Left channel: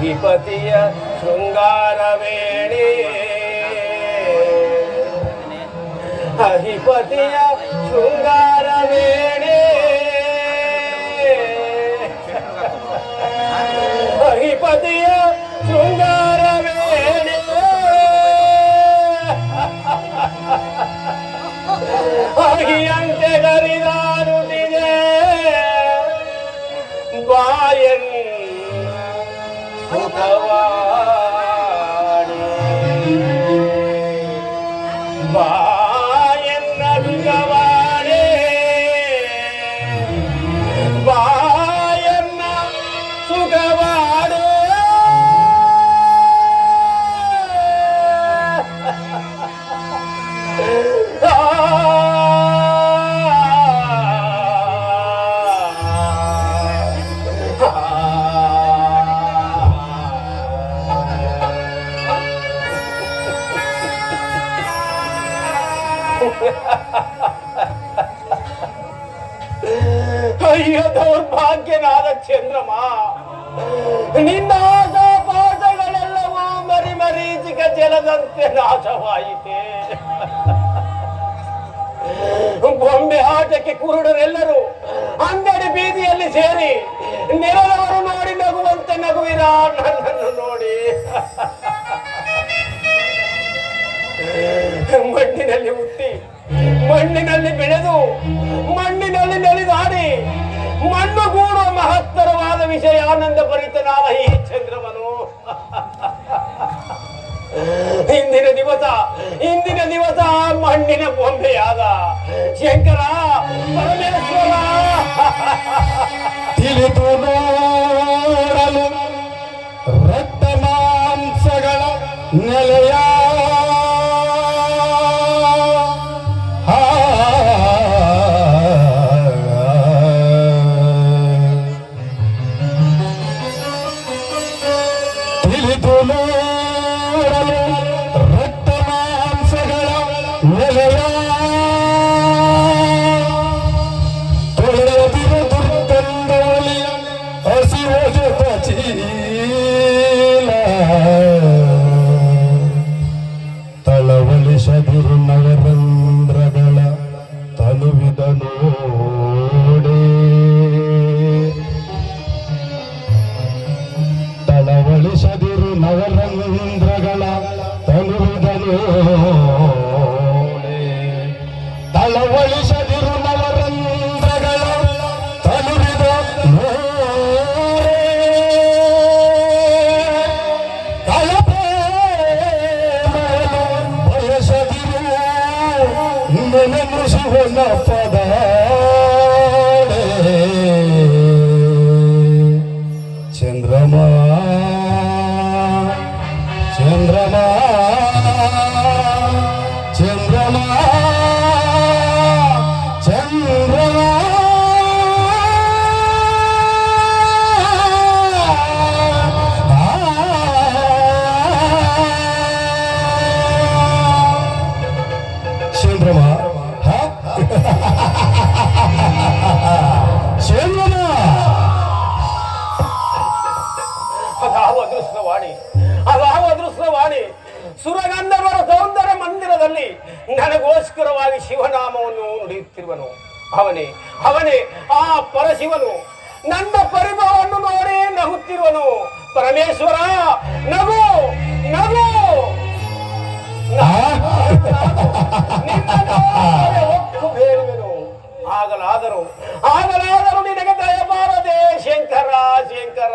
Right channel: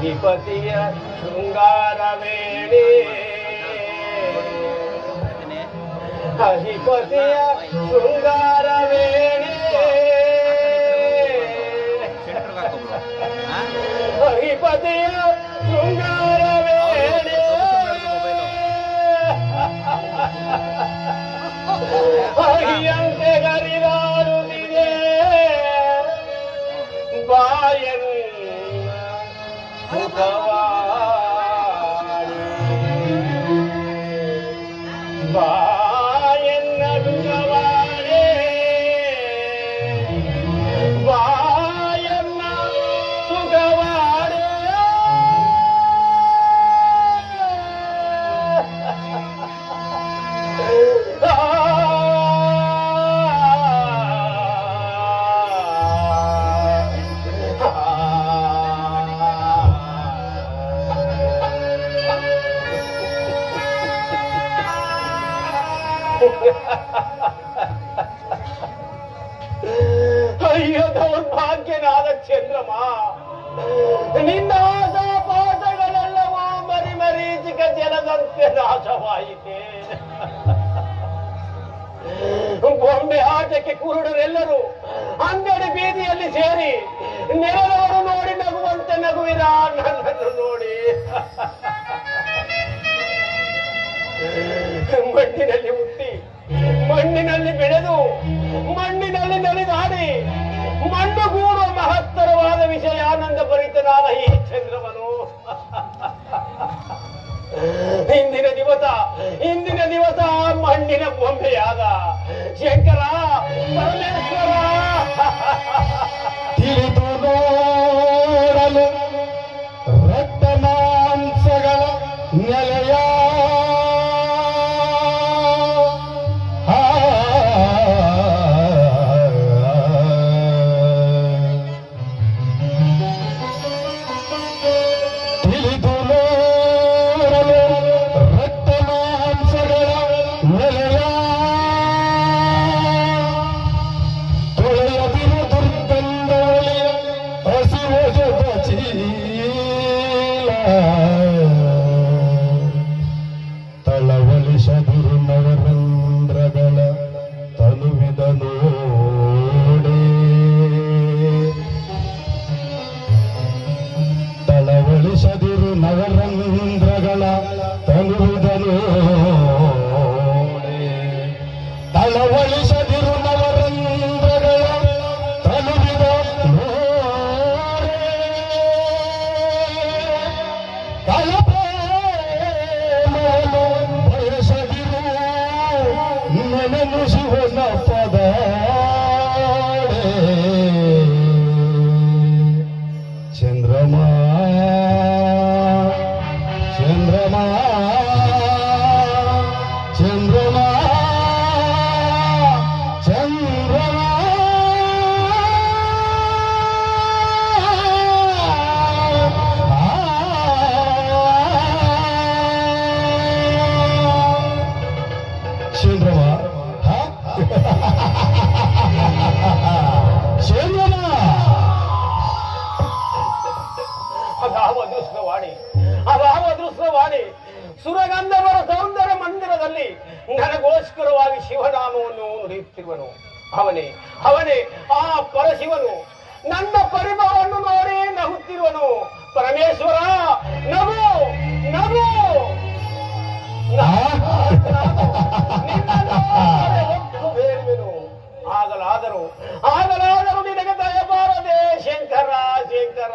ಅಧಿಪತಿಯ ಶೃಂಗಾರವೇಣಿ ಅಧಿಪತಿಯ ಶೃಂಗಾರವೇಣಿ ಅಧಿಪತಿಯ ಶೃಂಗಾರವೇಣಿ ಅಹಿಯಂತೆ ಗರಿದಾರುತ್ತಿದೆ ಬಾಯನ್ ಸುಖವಾಣಿ ಬಾಯನ್ನ ಸುಖವಾಣಿ ಬಾಯನ್ನ ಸುಖವಾಣಿ ಅಯ್ಯೋ ದೌರ್ಭಾಗ್ಯನಾದ ಚಂದ್ರಮ, ನಿನ್ನ ಆಶಾಪಾಠಗಳೆಲ್ಲವೂ ಮರಿಮರೀಚಿಕ ಜಲದಂತೆ ನಾಶವಾಯಿತೆ. ಗೊಂಬೆ ಆಟಕ್ಕೆ ಕುರುಡರೆಲ್ಲರೂ ಅಂಗಡಿ ಬೀದಿಯಲ್ಲಿ ಸೇರಿ ನೆರಳವರು ನೋಡಿ ನಗುವಂತೆ ನಗುವಿರ ನನ್ನನ್ನು ನೋಡಿ ಮಣ್ಣಿನಲ್ಲಿ ಹುಟ್ಟಿ ಮಣ್ಣಿನಲ್ಲಿ ಬೆಳೆದು ಮಣ್ಣಿನಲ್ಲಿ ನಲಿದಾಡಿ ಮಣ್ಣು ಗೂಡುವ ಮಹತ್ತರವಾದ ವಿಷಯ ಆನಂದ ಭರಿತನಾದ ಈ ಚಂದ್ರಮನು ಇಂದಿನ ದಿವಸ ಮಣ್ಣಿನ ಬೊಂಬೆಯಾದ ಶಂಕರ ಪರಮೇಶ್ವರ ತಿಳಿದು ನೋಡಲು ರಕ್ತ ಮಾಂಸಗಳ ನೆಲೆಯ ತಿಳಿದು ನೋಡಲು ರಕ್ತ ಮಾಂಸಗಳ ನೆಲೆಯ ತೊಳೆದಿರು ದುರ್ಗಂಧೋಳಿ ಹಸಿವ ಜೊತ ಚೀಲ ತಳವಳಿಸದಿರು ನವರಂಧ್ರಗಳ ತಲುವಿದ ನೋಡೆ ತಳವಳಿಸದಿರು ನವರಂಧ್ರಗಳ ತಲುವಿದ ನೋಡೆ ತಳವಳಿಸದಿರು ನವರಂಧ್ರಗಳ ತಲುವಿದ ನೋಡೆ ಕಳಪೆ ಬಯಸದಿರು ನೆನೆಸುವನ ಪದ ಚಂದ್ರಮ ಚಂದ್ರಮ ಚಂದ್ರಮ ಚಂದ್ರಮ ಚಂದ್ರಮ ಅದಾವ ಅದೃಷ್ಟವಾಣಿ ಸುರಗಂಧರ್ವರ ಸೌಂದರ್ಯ ಮಂದಿರದಲ್ಲಿ ನನಗೋಸ್ಕರವಾಗಿ ಶಿವನಾಮವನ್ನು ನುಡಿಯುತ್ತಿರುವನು. ಅವನೇ ಆ ಪರಶಿವನು ನನ್ನ ಪರಿಭವವನ್ನು ನೋಡಿ ನಗುತ್ತಿರುವನು. ಪರಮೇಶ್ವರ ನಗು ನಗು ಒತ್ತು ಬೇಡುವೆನು. ಆಗಲಾದರೂ ನಿನಗೆ ದಯಮಾರದೆ ಶಂಕರ ಶಂಕರ.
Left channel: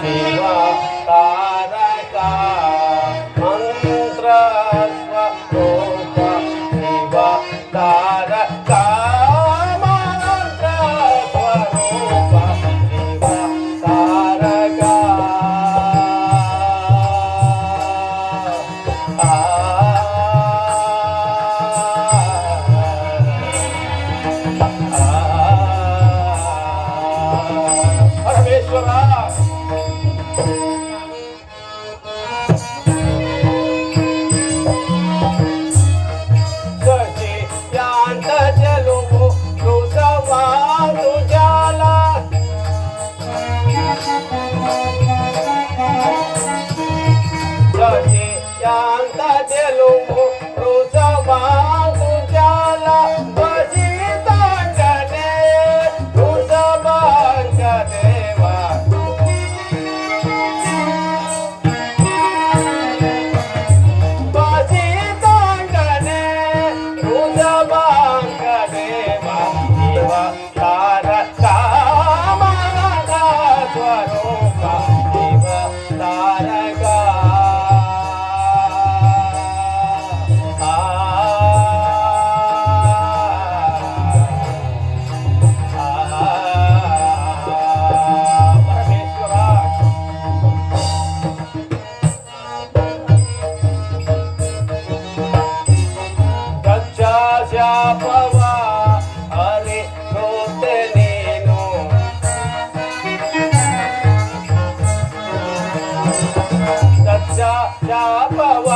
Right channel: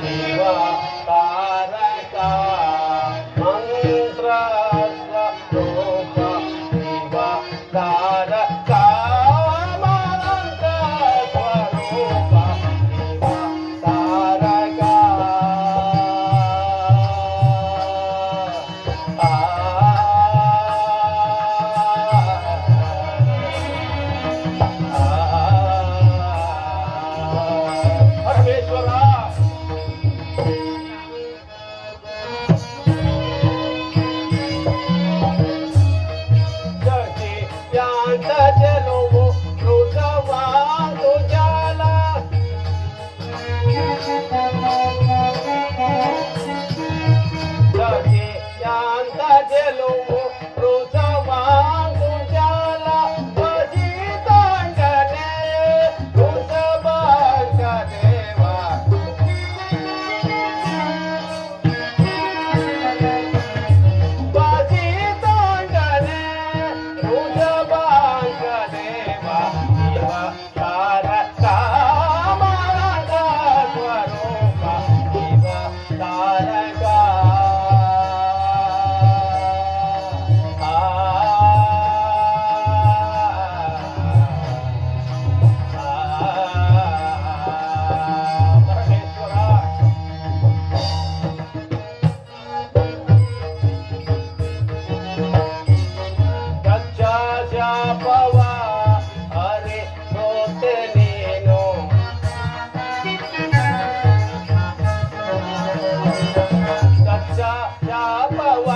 ಶಿವ ತಾರಕ ಮಂತ್ರ ಸ್ವರೂಪ ಶಿವ ತಾರಕ ಮಂತ್ರ ಸ್ವರೂಪ ಶಿವ ತಾರಕ ಿ ದಕ್ಷ ಶಾಪವ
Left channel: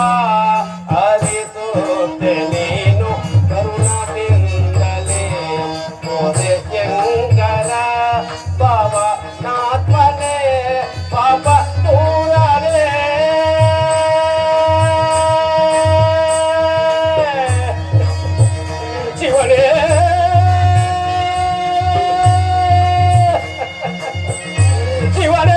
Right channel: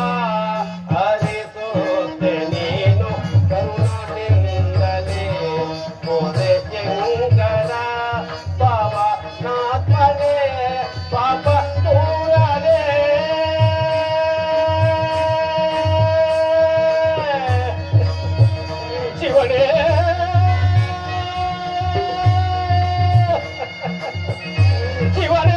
ಹರಿಸುತ್ತೆ ನೀನು ಕರುಣದಿಂದಲೇ ಮೋರೆ ಶಂಕರ ಪವನಾತ್ಮನೇ ಪಾಪ ಪೂರನೇ ಶಿವನೇ ಶಿವನೇ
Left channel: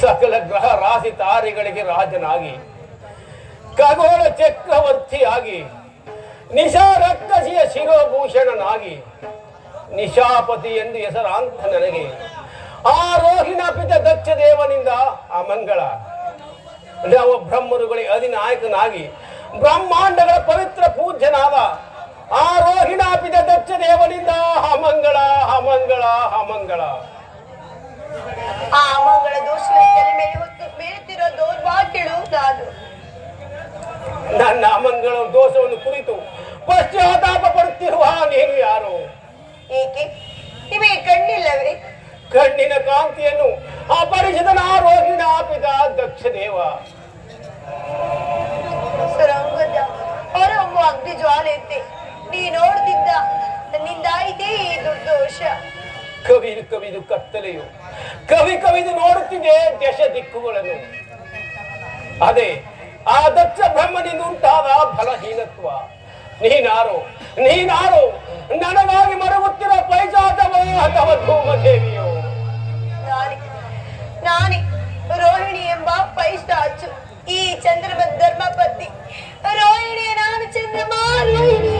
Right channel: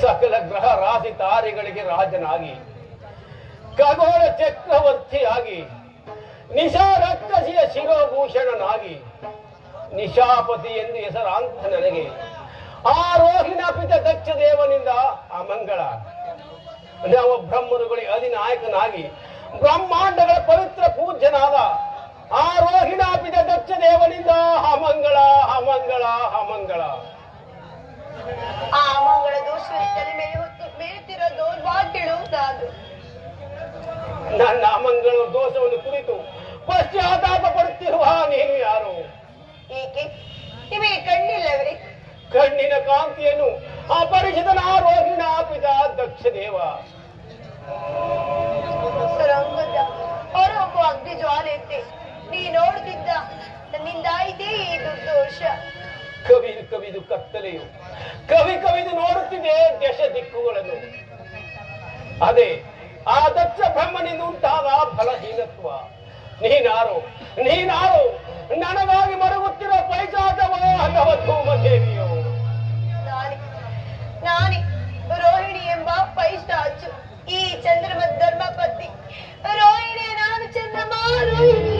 ಸಕಲ ಗ್ರಹ ರಾಶಿ ತಾರೆಗಳಿಗೆ ರಾಜನಾಗಿ ಖಗೋಳ ಚಕ್ರವರ್ತಿಯಾಗಿ ನಿಶಾ ರಕ್ಕಸಿಯ ಶಿರೋಭೂಷಣನಾಗಿ ನಿಶಾಪತಿ ಎಂದು ಹೆಸರಾಂತ ನನಗೆ ಆ ರೋಹಿಣಾಪಿತ ದಕ್ಷ ದೇವನಿಂದ ಅಮಂಗಳ ನವ ಬ್ರಹ್ಮರುಗಳಿಗೆ ಅಧಿನಾಯಕನಾಗಿ ಬ್ರಹ್ಮಾಂಡಗಳ ಪವಿತ್ರ ಪೂಜ್ಯನಾದ ಆ ರೋಹಿಣಾಪಿತ ದಕ್ಷ ದೇವನಿಂದ ಅಮಂಗಳ ಅಮಂಗಳ ಅಮಂಗಳ. ಆ ಅಮಂಗಳ ದೋಷಗಳ ಮೇಲೆ ಬೀಳುತ್ತಿರೋ ದೌರ್ಭಾಗ್ಯಳು ನಾನು. ನನ್ನ ಅಮಂಗಳ ದೋಷವನ್ನು ಕುರಿತು ಪಶ್ಚಾತ್ತಾಪ ಪಡುತ್ತಿರುವ ನೀನು ಯಾರು? ಏಕೆ ನಿಮಗೆ ಕಣ್ಣಿಲ್ಲವೇ? ಕಣ್ಣಿನ ಕಾಂತಿಯನ್ನು ಅಪರಿಚಿತನ ರೋಹಿಣಾಪಿತ ದಕ್ಷ ದೇವ ಸರಂಗದ ಹೊರಹೊಮ್ಮು ಅಗ್ನಿ ಜ್ವಾಲೆಯಂತೆ ನೀ ನೋಡ್ತಿದ್ದ ನನ್ನಿಂದಾಯಿತೇ ಈ ದುರ್ದೋಷ. ಕವಿದು ಕವಿದು ಕತ್ತಲೆಯು ಕವಿದು ನೋಡುತ್ತಿದೆ ದಶ ದಿಕ್ಕುಗಳನ್ನು. ಅದೇ ಆ ದಕ್ಷ ಬ್ರಹ್ಮನಿಂದ ಉಂಟಾದ ಫಲಹೀನತ್ವ. ನೀನಾರು ನನಗಾಗಿ ಮರಗುತ್ತಿರೋ ಪೈಜಾತವೋ ಅಥವಾ ಧೂಮದೇವಿಯೋ? ನಾನೇ ರೋಹಿಣಿ ಎಂಬ ಪೈಶಾಚು, ಈ ಚಂದ್ರಮ ಧರ್ಮಪತಿ ರೋಹಿಣಿಯ ನಾನು ಚಂದ್ರಮ ರೋಹಿಣಿ.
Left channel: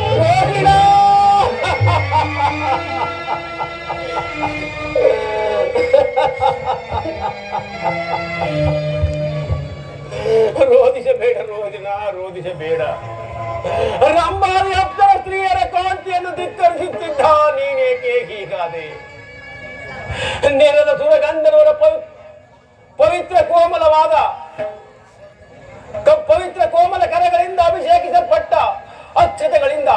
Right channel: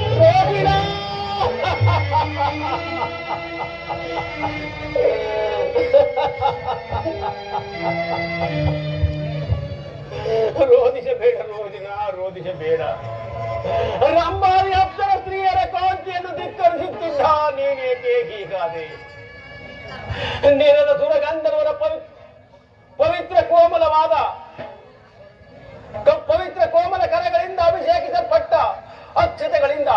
ರೋಧಿಸಬೇಡ ರೋದಿನ, ರೋಧಿಸಬೇಡ. ರಂಭಾದಿ ಅಪ್ಸರ ಸ್ತ್ರೀಯರ ಕಾಂತಿಯನ್ನು ಧಿಕ್ಕರಿಸುತ್ತಿದ್ದ ನೀನೇಕೆ ಹೀಗಾದೆ? ನೆಲದ ಸುರಗಂಧರ್ವರ ಪವಿತ್ರ ಕೋಮಲ ಕರೆಗಳಿಂದ ಅಭಿಷೇಕಿಸಲ್ಪಟ್ಟ ಅಕ್ಷತೆಗಳಿಂದ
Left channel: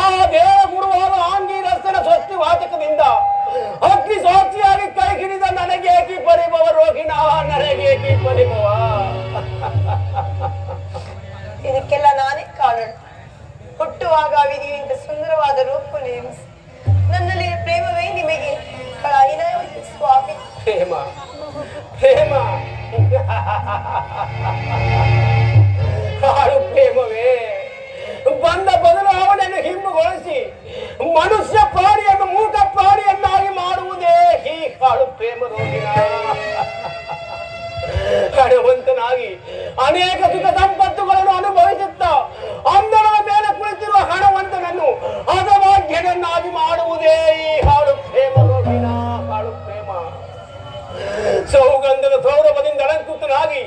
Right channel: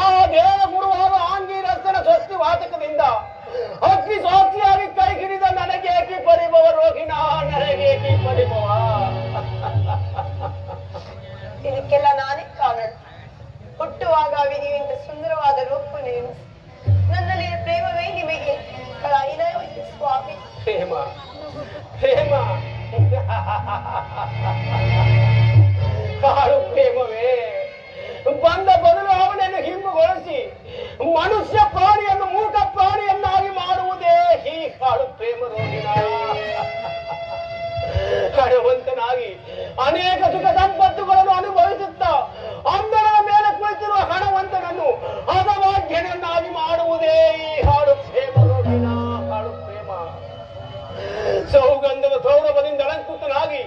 ಆ ದೇವಗುರುವಾದ ಆಂಗೀರಸನ ಸ್ವಸ್ತಿ ವಾಚಕದಿಂದ ಅಗ್ನಿ ಸಾಕ್ಷಿಯಾಗಿ ಕೈ ಹಿಡಿದ ನನಗೇಕಿ ಪರಿಭವ ರೋಹಿಣ, ನನಗೇಕಿ ಪರಿಭವ. ಇದಕ್ಕೆಲ್ಲ ನಾನೇ ಕಾರಣ. ಹುಟ್ಟುವಾಗ ವಿಧಿಯಿಂದ ಸುಂದರವಾದ ರೂಪ ನೇಮಿಸಿ ನನ್ನಲ್ಲಿ ಪ್ರೇಮವೇ ನಿಮಗೆ ಕಳಾಯಿನಾಯವತಿ ಸ್ವಾಮಿ. ಪ್ರೇಮ ಕಾಳು ಪ್ರೇಮವೇ ಬಂದ ಬದಲಾವಣೆಯನ್ನು ಹಿಂದುಗೊಳಿಸಿ ಮನುಷ್ಯ ಪ್ರಾಣಿಯನ್ನು ಮೂಕ ಪ್ರಾಣಿಯನ್ನಾಗಿ ಮಾಡುವುದೇ ಈ ಕಾಳು ಪ್ರೇಮ ರೋಗಿನ. ಹಣವಂತನಾಗಿ ಅನೇಕ ಸುಖ ಸಂಪತ್ತುಗಳನ್ನು ಅನುಭವಿಸುತ್ತ ಅಂದನ ಮೇಲೆ ಕುಳಿತಿರುವ ಹಣವಂತನನ್ನು ಹದಭಾಗ್ಯನನ್ನಾಗಿ ಮಾಡುವುದೇ ಈ ಹಾಳು ಪ್ರೇಮ ರೋಗಿನ ಹಾಳು ಪ್ರೇಮ. ಸೌಗಂಧದ ಸೌರಭದಿಂದ ಅಲಂಕೃತನಾಗಿ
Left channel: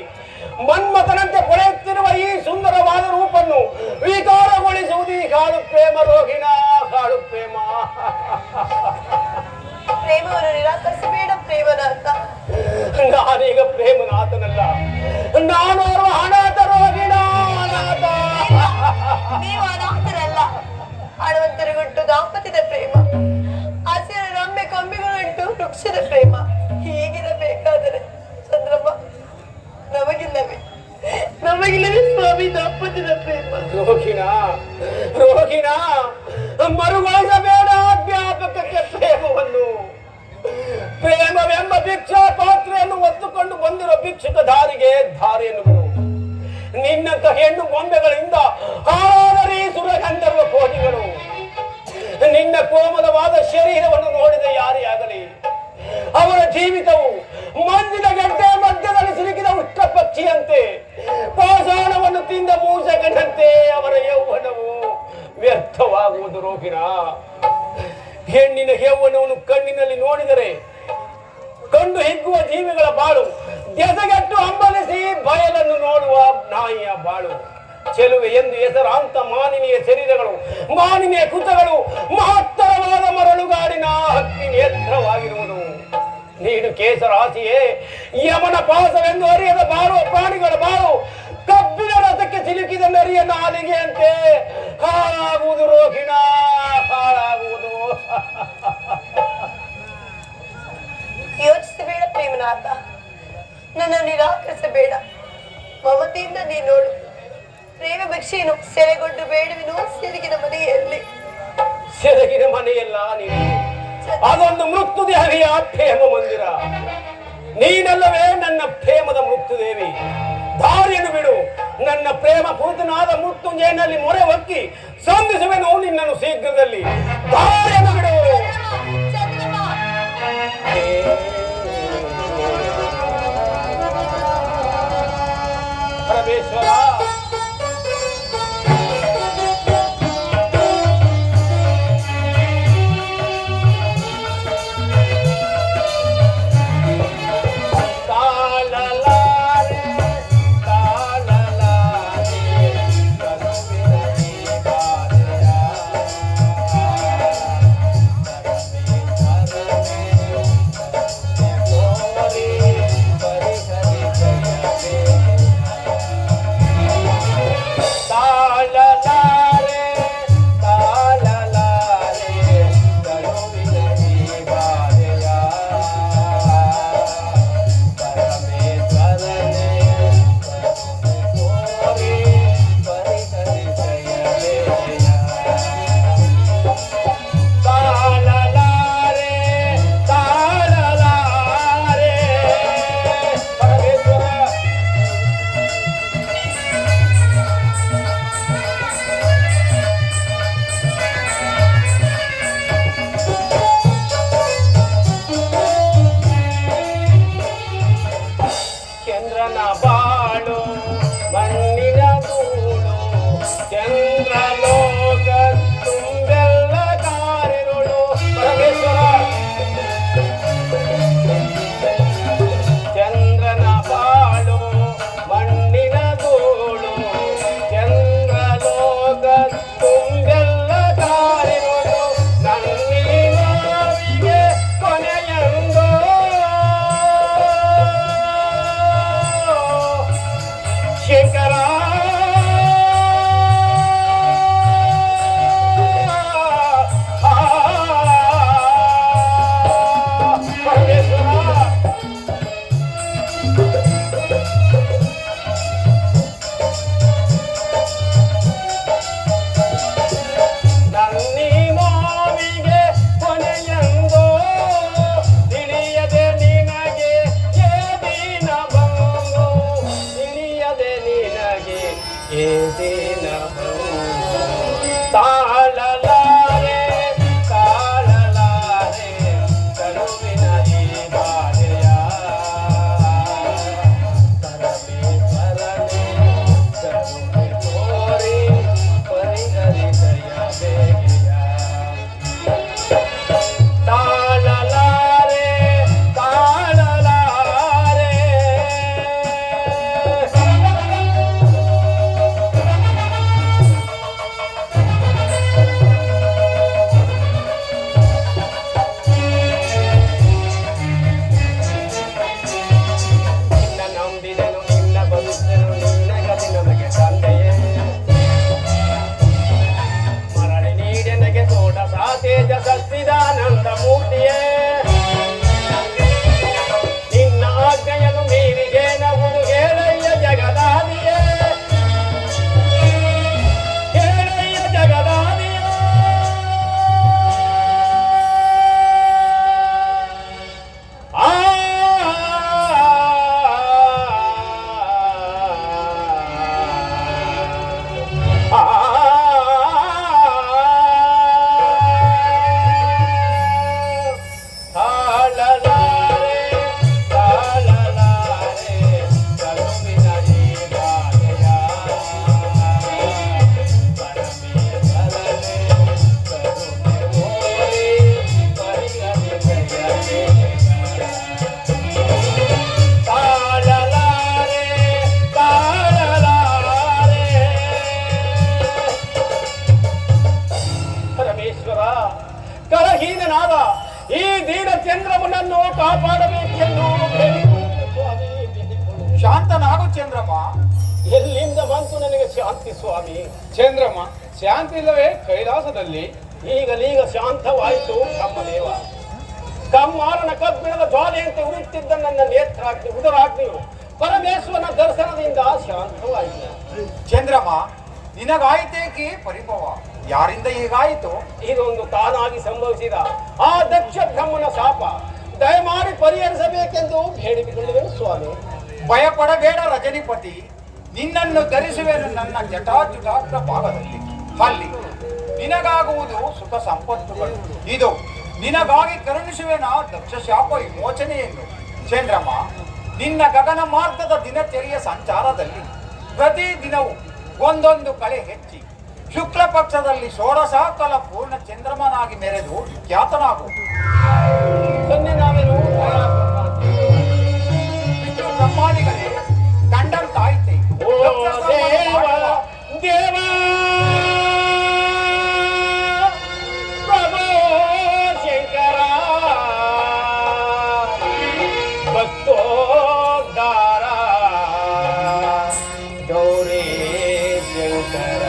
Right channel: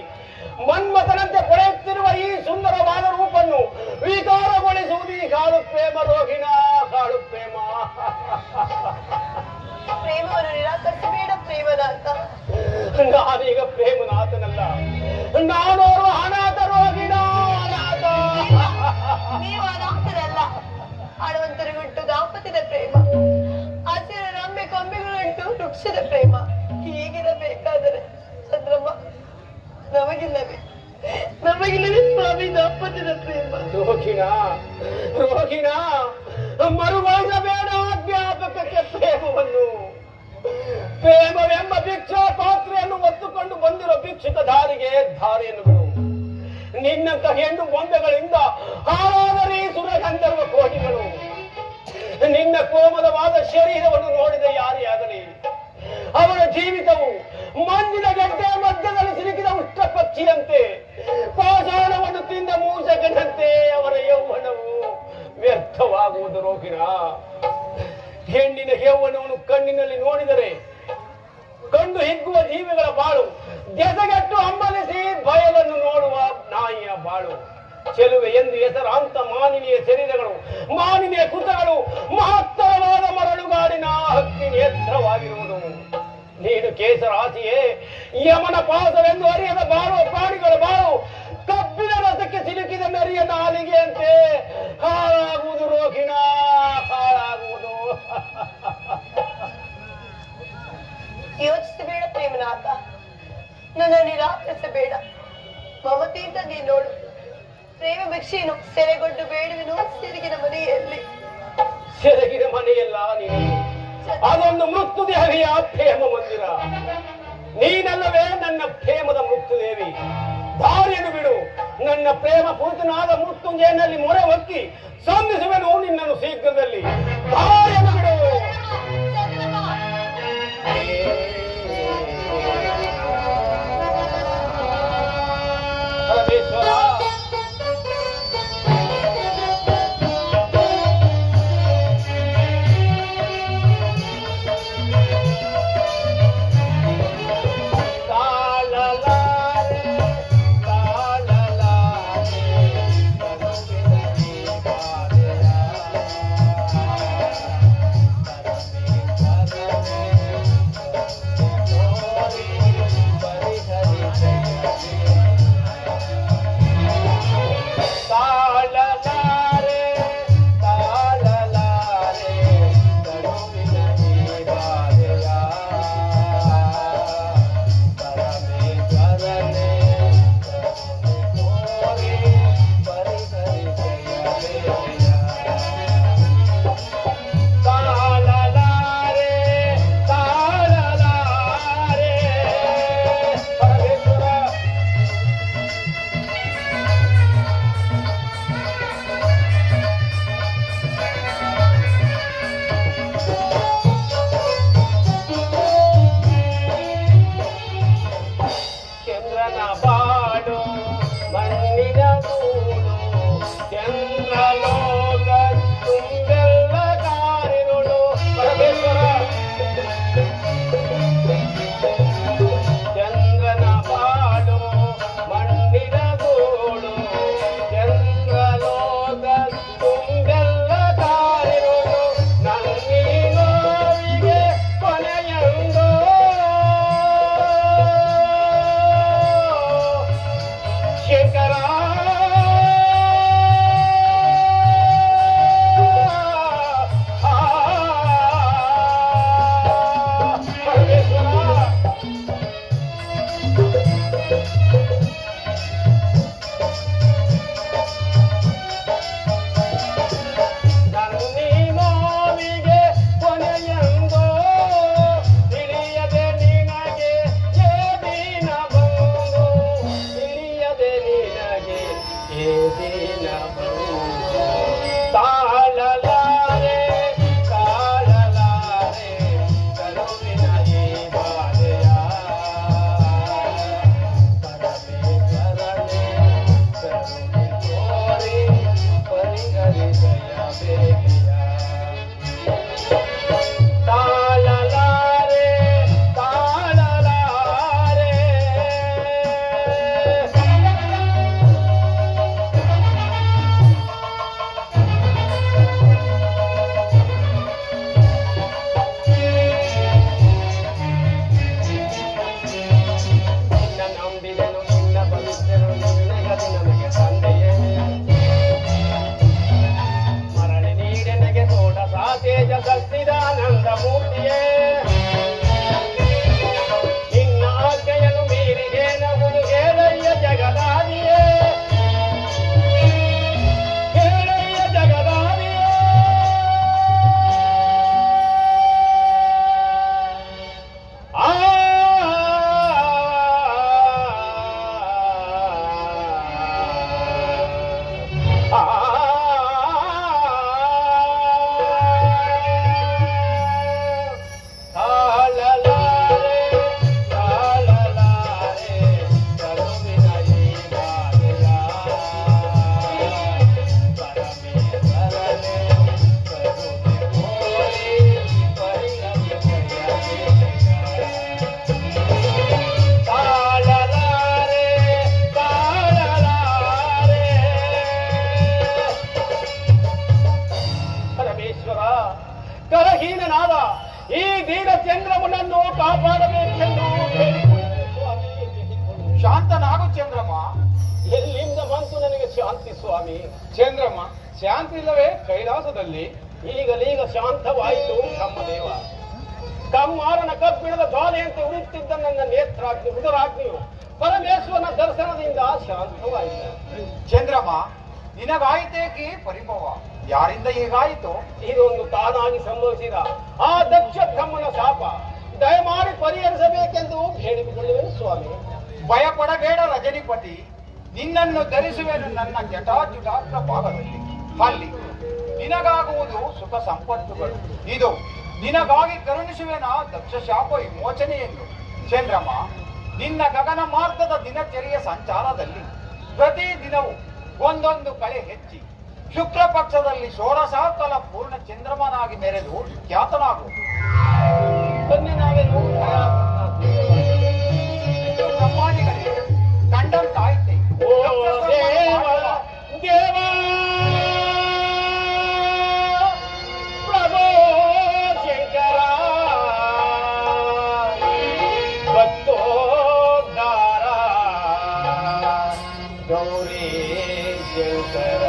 ಮನ್ಮಥನಂತೆ ಪಡೆಯುತ್ತಿರುವ ಈ ಸುಂದರವಾದ ರೂಪನ್ನು ವಿಕಾರಗೊಳಿಸುವುದು ಈ ಹಾಳು ಪ್ರೇಮ ರೋಗಿನ ಹಾಳು ಪ್ರೇಮ. ಪ್ರೇಮವನ್ನು ನಿರಾಕರಿಸಬೇಡ ಪ್ರೇಮನಾಥ. ನಾನೀಗ ಪ್ರೇಮನಾಥನಲ್ಲ, ನಾನೋರ್ವ ಅನಾಥ ರೋಗಿಣ ಅನಾಥ. ನೀವು ಅನಾಥರಲ್ಲ. ಹಣವಂತರಿಗುಂಟು ದಾಂಪತ್ಯದ ಪ್ರೇಮ, ಆಸೆಯ ರಮ್ಮೆ ಕೊಂಬೆಗಳುಂಟು ವೃಕ್ಷದ ಪ್ರೇಮ. ಹೀಗಿರಬೇಕಾದರೆ ಚಂದ್ರಮ್ಮ ನಮಗಿಲ್ಲವೇ ಸ್ವಾಮಿ ದಾಂಪತ್ಯದ ಪ್ರೇಮ? ರೋಗಿಣ ಮರುವಳಿಸಬೇಡ ಜ್ಞಾಪಕಕ್ಕೆ ಪ್ರೇಮವನ್ನು. ಪ್ರೇಮವೆಂಬ ಭಿಕ್ಷಾ ಪಾತ್ರೆಯನ್ನು ಹೊತ್ತುಕೊಂಡು ಬಂದಿರುವ ಭಿಕ್ಷುಕ ದಾರಿಗೆ ಧಾರೆಯನ್ನು ನಿನ್ನಂತ ಹೆಣ್ಣು ಬೊಂಬೆಗಳಿಂದ ಹಾಳಾದರಿ ಸುರಗಂಧರ್ವ ಕೋಟಿಗಳು. ನಿನ್ನ ಕೋಮಲವಾದ ಶರೀರವನ್ನು ನೋಡಿದ ಯಾರೇ ಆಗಲಿ ಅವರ ಜೀವಿತವು ಮಂಜಿನ ಗೆಡ್ಡೆ ಮಧ್ಯದಲ್ಲಿ ಸಿಲುಕಿದ ಉಷ್ಟ ಪಕ್ಷಿಯಂತೆ, ಪಾಷಾಣವನ್ನು ತಿಂದ ಮೂಸಕನಂತೆ ಅವರ ಯೌವನವು ವ್ಯರ್ಥವಾಗುವುದು ರೋಗಿಣ. ಹೆಣ್ಣಿನ ಯೌವನವನ್ನು ಕಣ್ಣಿನಲ್ಲಿ ನೋಡಿದರೆ ಕಂಡು ಹಿಗ್ಗುವ ಜೀವಿಗಳ ಬಾಳು ದೆಸೆಗೆಟ್ಟು ಹಂಬಲಿಸಿ ಬಯಲನ್ನು ನೋಡುವ ನಾಯಿಯ ಬಾಳು. ಚೆಲುವೆ ಎಂದು ಹೆಸರಾಂತ ಮಾನಿನಿಯ ಶರೀರಗಳು, ಮಾನಿನಿಯ ಕುತಗಳು ಮಹತ್ತರವಾದ ಮರಳುಗಾಡಿನ ಹಕ್ಕಿ ನೇತ್ರವಾಗಿರುವುದು. ನೀನು ಕೇಸರಾಸಿಯೇ ಯಮನ ಪಾಸವೆಂದು ಅರಿಯದ ಬಾಳುವ ಪ್ರಾಣಿಗಳ ಬಾಳು ಕಬ್ಬಿನ ರಸಕ್ಕೆ ಸಿಲುಕಿದ ನರಿಯ ನಾಲಿಗೆಯಂತೆ ಹಾಳಾಗುವುದು ರೋಗಿಣ, ಹಾಳಾಗುವುದು. ಯೋಚಿಸಬೇಡ ಪ್ರೇಮನಾಥ, ನನ್ನ ನಿರಾಕರಿಸಬೇಡ. ಮಮತೆಯಿಂದ ನೀ ನೋಡು. ಪ್ರೇಮ ಭಿಕ್ಷೆಯನ್ನು ಸೆರೆಗೊಂಡು ಬೇಡುವಿನು ಸೆರಗಿನ ಮನೆಯಲ್ಲಿ. ಸೆರಗಿನ ಮನೆಯಲ್ಲ ನೀನು, ಅದೊಂದು ಮೃತ್ಯುದೇವಿಯ ಪ್ರೇಮ ಮಂದಿರ. ನೀನಲ್ಲವೇ ನನ್ನ ಪ್ರೇಮದ ಮೃತ್ಯುದೇವಿ. ದಾರಿಯನ್ನು ಬಿಡು. ನನ್ನ ಪ್ರೇಮ ಪೂತನಾದ ಮೃತ್ಯುಂಜಯನಲ್ಲಿ ಮೊರೆ ಹೊಕ್ಕಿ ಸಂಧಿಸುವೆನು ನಿನ್ನನ್ನು ಶೀಘ್ರದಲ್ಲಿ. ದಾರಿಯನ್ನು ಬಿಡು. ಪರಮೇಶ್ವರ ಕರಹೀನನಾದ ಈ ದೀನ ಚಂದ್ರಮನನ್ನು ಕಾಪಾಡಬೇಕೆಂದು ಶಾಂತನಾಗು ಚಂದ್ರಮ್ಮ. ಎಲ್ಲಿಂದ ಬಂತು ನನಗೆ ಶಾಂತಿ ಸ್ವಾಮಿ? ಚಂದ್ರಮ್ಮ, ಶಾಂತಿ ಇಲ್ಲವೇ ಕೈಲಾಸದಲ್ಲಿ? ಈಗಲೀಗ ಶಾಂತವಾಯಿತು ಬ್ರಹ್ಮದೇವ. ಕಮ್ಮಾರನ ಕಬ್ಬಿಣದ ಜ್ವಾಲೆಯಂತೆ ಉರಿಯುತ್ತಿದ್ದ ನನ್ನ ನೇತ್ರಾಗ್ನಿ ಉದರಾಗ್ನಿಯು ಪರಮೇಶ್ವರನ ದರ್ಶನದಿಂದ ಶಾಂತವಾಯಿತು. ಚಂದ್ರಮ್ಮ, ನಿನಗಾಯಿತೇಕಿ ಪರಿಭವ? ಯಾರಿಂದ ಹೀಗಾಯಿತು? ಇದೊಂದು ತಾನಾಗಿ ಸಂಭವಿಸಿದ ಆ ದಕ್ಷ ಬ್ರಹ್ಮನ ಶಾಪ. ದಯಮಾಡಿ ಪರಿಹರಿಸಬೇಕೆಂದು ಹೇಳಿಕೊಳ್ಳುವೆನು ಸ್ವಾಮಿ. ಭಯಪಡಬೇಡ ರಜನಿಪತಿ, ನಿನ್ನನ್ನು ಧರಿಸುವೆನು ನನ್ನ ಜಟಾಜುಟಾಗ್ರ ಭಾಗದಲ್ಲಿ. ಅಲ್ಲಿ ನಿನಗಾಗುವುದು ಸುಖ ಸಂಪತ್ತುಗಳು. ಇದು ನಿನಗಾಗಿ ಕರುಣಿಸುವೆನ ದಕ್ಷ ಶಾಪ ವಿಮೋಚನೆಯನ್ನು. ಚಂದ್ರಮ್ಮ, ನಿನ್ನ ಗಗನ ಮಾರ್ಗದ ದಿನಚರಿಯ ಸಂಚಾರದಲ್ಲಿ ಪ್ರತಿ ದಿನವೂ ಒಂದೊಂದು ಕಳೆ ಹೆಚ್ಚಿ ಶುಕ್ಲ ಪಕ್ಷದಲ್ಲಿ ಷೋಡಶಾಕಲ ಪೂರ್ಣ ಚಂದ್ರಮನಾಗಿ ಮೆರೆದು ಖ್ಯಾತನಾಗು. ಬನ್ನಿ ನಾವೇನು ವಿಷ್ಣು ಬ್ರಹ್ಮಾದಿಗಳೇ ಕಂಡಂತಾಯ್ತೆ. ಓ ದೇವ ದೇವ ಪ್ರಭೋ ಶಂಕರ ಭಕ್ತೋದ್ಧಾರ ಗೌರಿ ಶಂಕರ.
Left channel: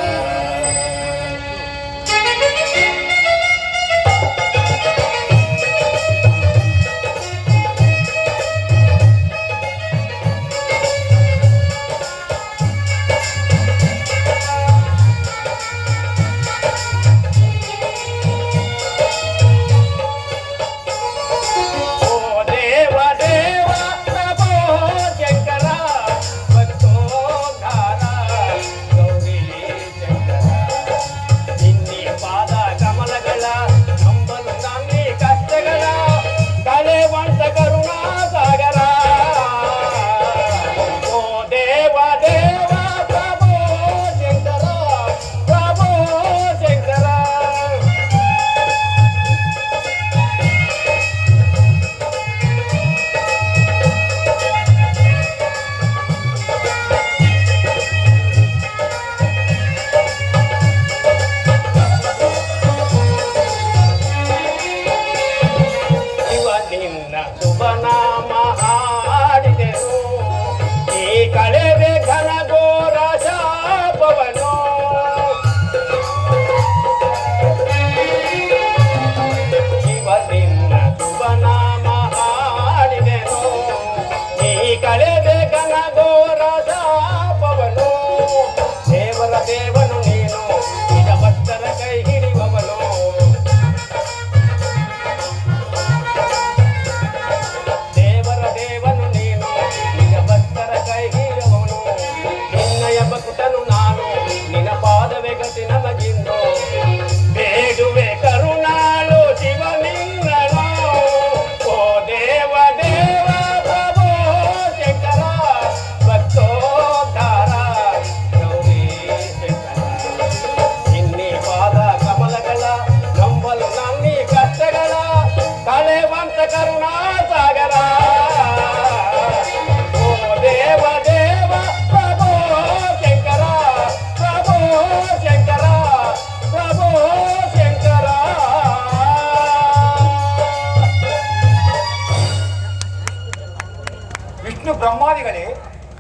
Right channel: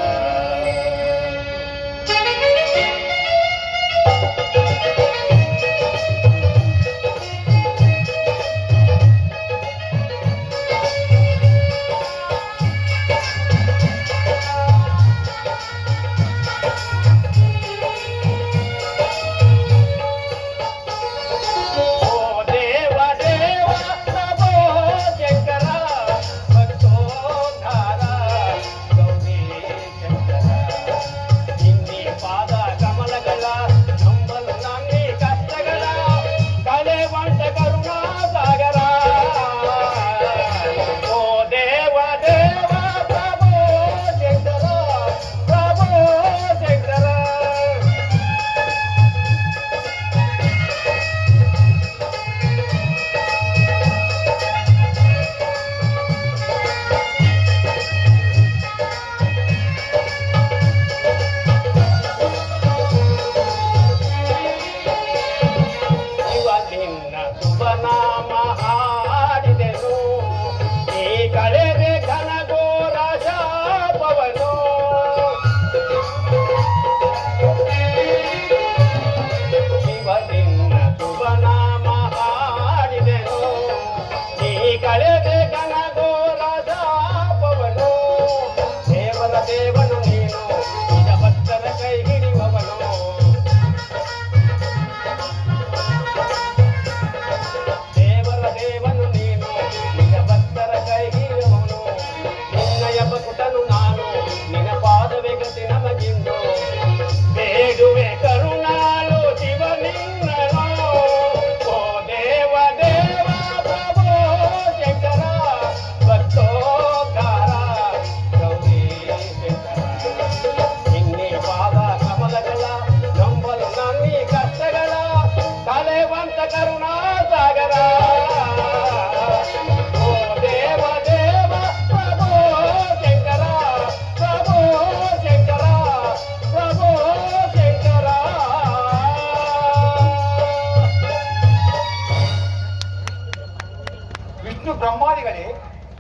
ಬ್ರಹ್ಮಾದಿಗಳೇ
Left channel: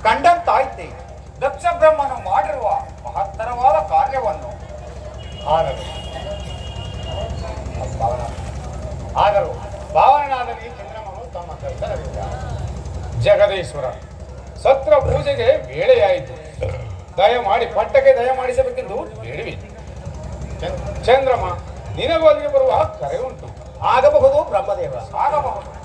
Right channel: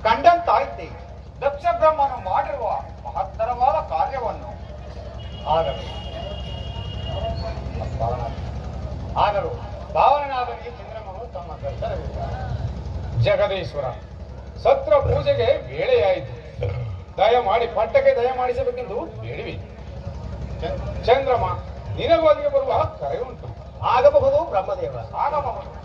ಕಂಡಂತಾಯ್ತೆ. ದಕ್ಷ ಬ್ರಹ್ಮನು ಮಾಡಿರುವ ಮಹತ್ತರವಾದ ಕಾರ್ಯವನ್ನು ಆದರೂ ಭಾವನಾದ ಈ ಚಂದ್ರಮನು ತಮ್ಮ ದರ್ಶನವಿಲ್ಲ. ಜಗದೀಶ್ವರ, ಸತ್ರ ಪೂಜೆಗೆ ವೇಳೆಯಾಯಿತು. ದಯಮಾಡಿ ಪಟ್ಟಕ್ಕೆ ದಯಮಾಡಿಸಬೇಕೆಂದು ಬೇಡವಿ. ಚಂದ್ರಮ, ನಿನಗೂ ಅಲ್ಲಿಗೆ ಬರುವ ಕರೆ ಉಂಟು. ಆಗಬಹುದು ಬ್ರಹ್ಮದೇವ, ಆಗಬಹುದು.